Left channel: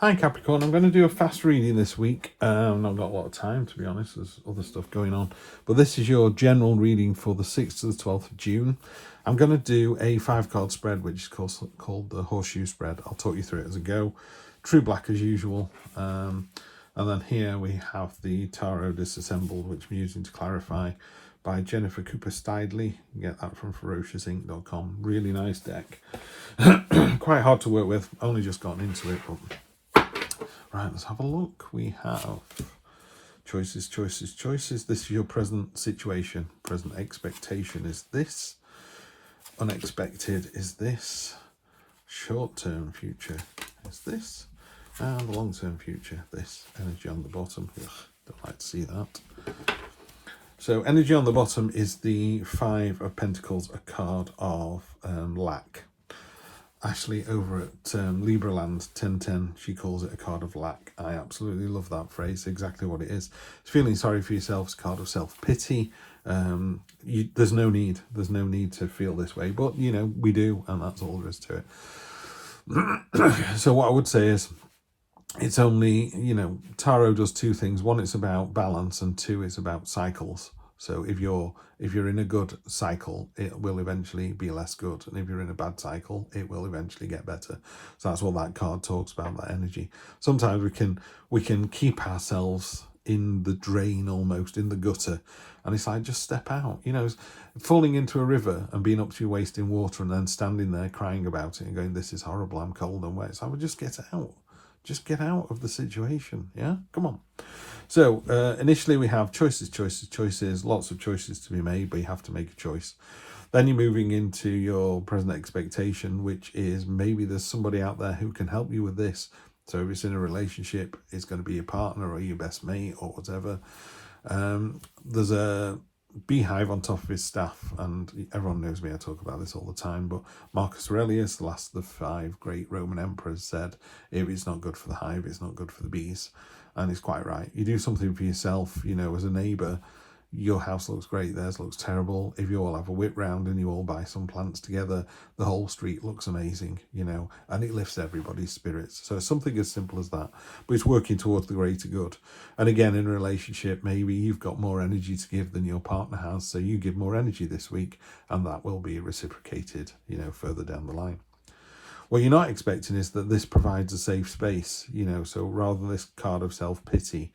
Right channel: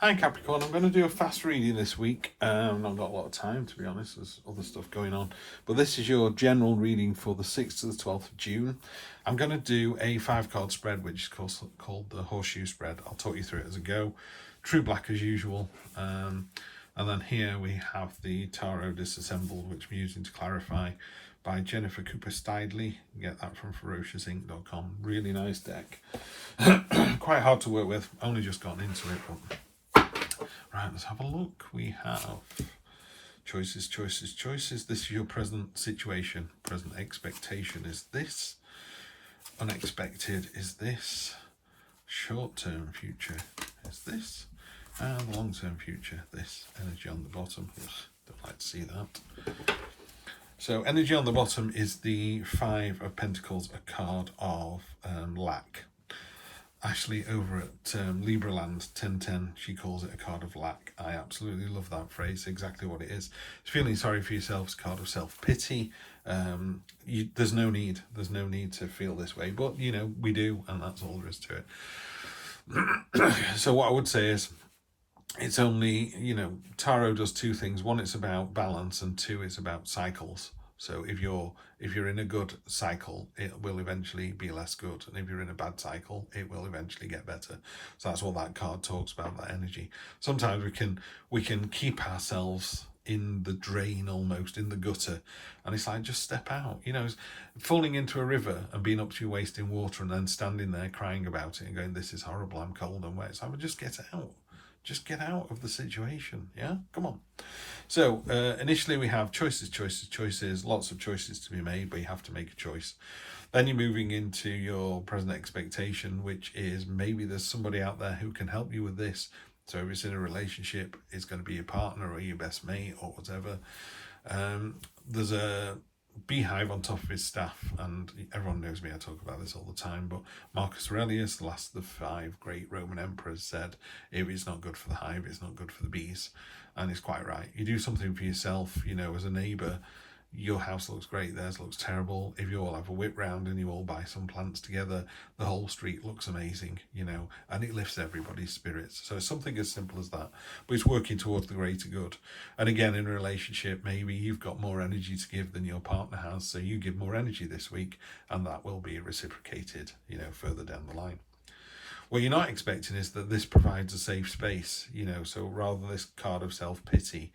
Hi Capricorn, I'm going to do a fast reading this week. I've not got a lot of time, to be honest, there's other stuff going on. But this is your general reading for the 6th to the 12th of June. I'm going to do a 5-card spread, which is called the Horseshoe Spread. I'll talk you through it as I go. True black as usual. And then here we have the Tarot Disassembled, which I'm using to clarify, by Jennifer Cooper Stidley. You get that from ferociousinc.com. Really nice deck. Quite hard to work with, only just gotten into it, but... Right, let's have a look. We have choices, choices, choices. This is your present situation. Present expectation is this. Unexpected is this. Short-term future is this. And the long-term future, this. Energy on the bottom. Ugh, don't like to see that. So energy on the bottom is the 5 of Pentacles, a card of lack. Ashley over at Libraland 1010, she calls it a card of lack. I absolutely love that phrase, exactly what it is. It's feeling sorry for yourself, it's a card of self-pity. There's no need to feel this way, but you know, we do, and that's all there is to it. So what I would say is, it's only, you know, tarot does 2 things. 1, it's about balance, and 2, it's about cycles. So if you're in a good cycle, it will eventually be less good, and if you're in a bad cycle, it will eventually get better. So that's what that card talks about, that energy. Sometimes we can keep ourselves in the drain, almost in the gutter, and it's like, just step out. You know, falling into a river and being up to your waist in water and then standing there crying about it and going, this is horrible, I'm cold and wet. So I would just get out. Just get out of the situation, yeah? Come on. So initially we have choices, choices, choices, lots of choices to be made, but you have to make a choice. Then you're moving into your present expectation, which is maybe there's somebody out there who can help you with this. So if it's in a relationship, it's going to be your partner or your best mate or whatever. There's a beehive on top of his staff, and everyone knows me, I talk about this all the time, but Marcus Aurelius, the last of the 5 great Roman emperors, said, if it's not good for the hive, it's not good for the bees. And it's quite right. You do something for yourself, you know, as a neighbour, your house looks great, theirs looks terrible. If you all have a whip round and you all buy some plants together, the whole street looks amazing, you know, and it lifts everybody's spirits. So something as simple as that, but it's working towards the greater good. And again, in a relationship, maybe you've got more energy to give than your partner has, so you give more energy this week, and that will be reciprocated, you know, further down the line. What you're not expecting is that this provides a safe space, you know, so rather than this card of self-pity,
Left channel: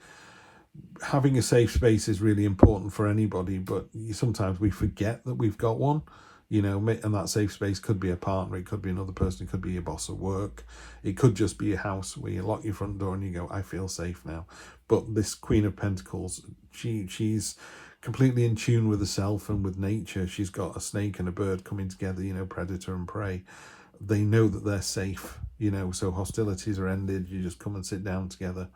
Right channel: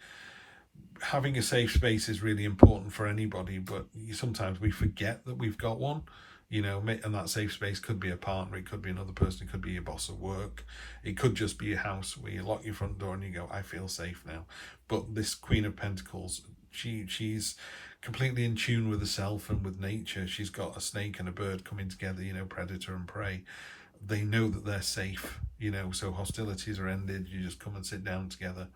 having a safe space is really important for anybody, but sometimes we forget that we've got one, you know, and that safe space could be a partner, it could be another person, it could be your boss at work, it could just be a house where you lock your front door and you go, I feel safe now. But this Queen of Pentacles, she's completely in tune with herself and with nature. She's got a snake and a bird coming together, you know, predator and prey. They know that they're safe, you know, so hostilities are ended, you just come and sit down together.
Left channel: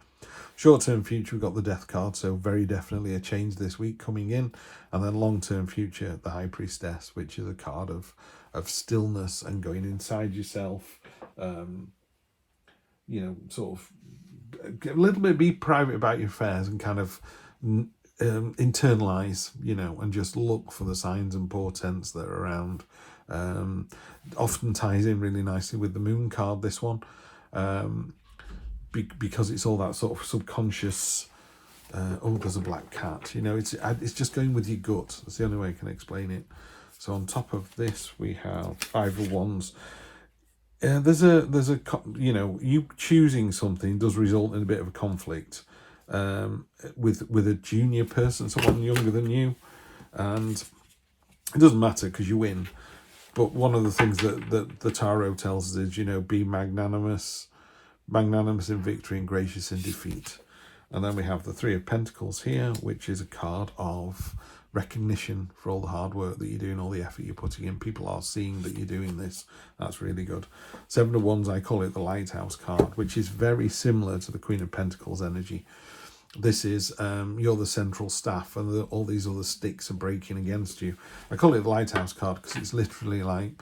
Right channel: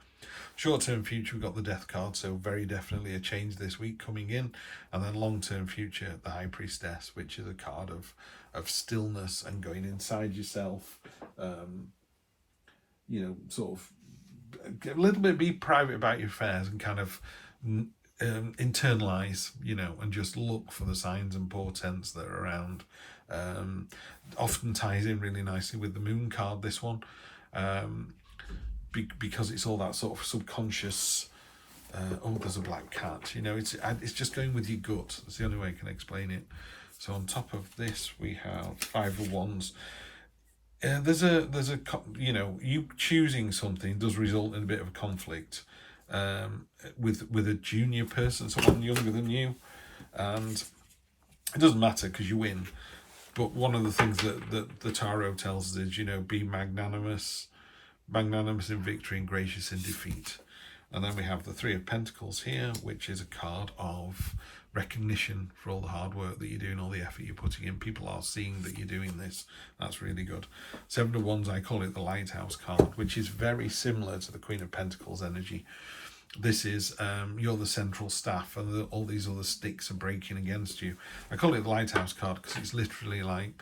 Short-term future, we've got the Death card, so very definitely a change this week coming in. And then long-term future, the High Priestess, which is a card of stillness and going inside yourself, you know, sort of a little bit, be private about your affairs and kind of internalize, you know, and just look for the signs and portents that are around. Often ties in really nicely with the Moon card, this one, because it's all that sort of subconscious, oh, there's a black cat, you know, it's just going with your gut. That's the only way I can explain it. So on top of this, we have 5 of Wands. There's a you know, you choosing something does result in a bit of a conflict with a junior person, someone younger than you, and it doesn't matter because you win. But one of the things that the tarot tells us is, you know, be magnanimous in victory and gracious in defeat. And then we have the 3 of Pentacles here, which is a card of recognition for all the hard work that you're doing, all the effort you're putting in. People are seeing that you're doing this. That's really good. 7 of Wands, I call it the Lighthouse card, which is very similar to the Queen of Pentacles energy. This is, you're the central staff and all these other sticks are breaking against you. I call it the Lighthouse card because it's literally like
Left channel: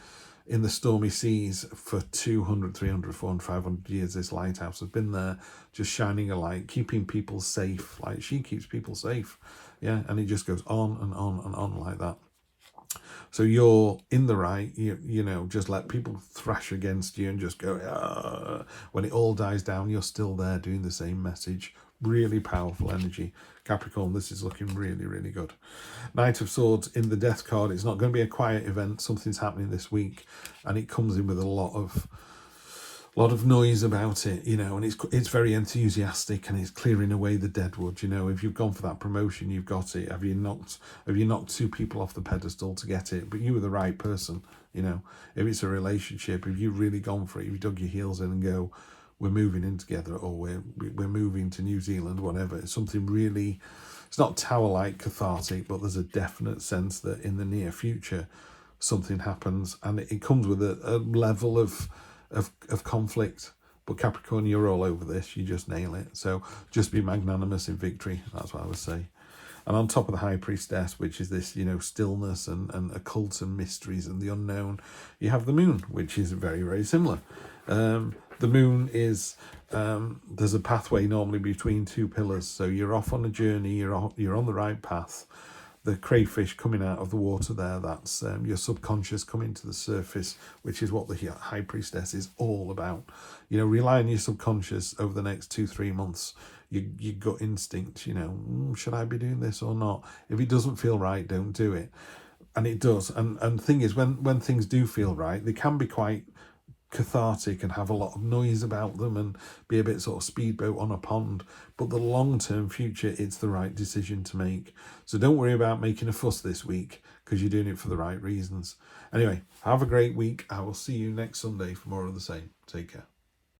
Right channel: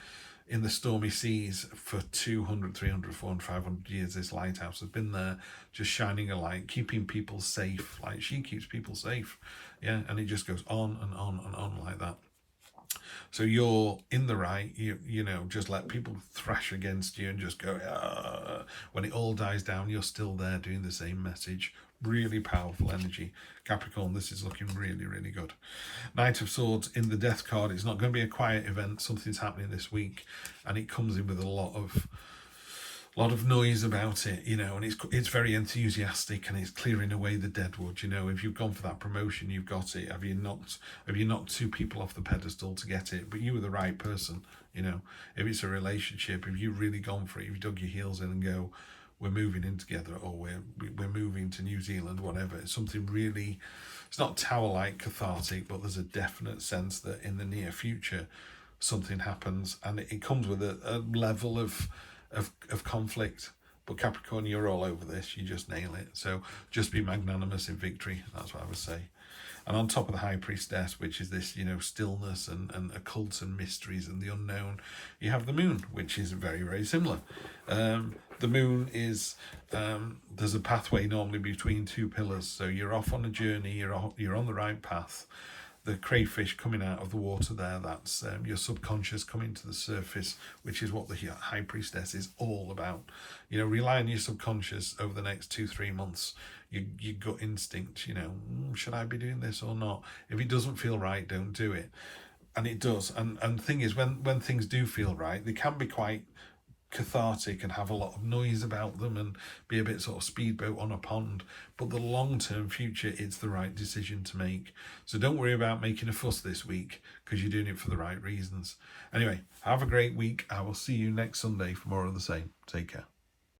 in the stormy seas for 200, 300, 400, 500 years. This lighthouse has been there just shining a light, keeping people safe. Like she keeps people safe. Yeah, and it just goes on and on and on like that. So you're in the right, you know, just let people thrash against you and just go, when it all dies down, you're still there doing the same message. Really powerful energy. Capricorn, this is looking really, really good. Knight of Swords in the Death card. It's not going to be a quiet event. Something's happening this week, and it comes in with a lot of noise about it, you know, and it's very enthusiastic, and it's clearing away the deadwood. You know, if you've gone for that promotion, you've got it. Have you knocked two people off the pedestal to get it? But you were the right person, you know. If it's a relationship, if you've really gone for it, if you dug your heels in and go, we're moving in together, or we're moving to New Zealand, whatever. It's something really, it's not tower-like cathartic, but there's a definite sense that in the near future something happens, and it comes with a level of conflict. But Capricorn, you're all over this. You just nail it. So just be magnanimous in victory. That's what I would say. And on top of the High Priestess, which is this, you know, stillness and occult and mysteries and the unknown, you have the Moon, which is very, very similar. The Moon is, there's a pathway normally between two pillars. So you're off on a journey, you're on the right path. The crayfish coming out of the water there, that's your subconscious coming to the surface, which is what the High Priestess is all about. You know, rely on your subconscious over the next 2-3 months. Your gut instinct, you know, should I be doing this or not? If it doesn't feel right, don't do it. And it does. And the thing is, when things do feel right, they can be quite cathartic and have a lot of noise about them and be a bit sort of speedboat on a pond, but the long-term future, it's the right decision to make. So don't worry about making a fuss this week, because you're doing it for the right reasons. Anyway, have a great week. I will see you next Sunday for more of the same. Take care.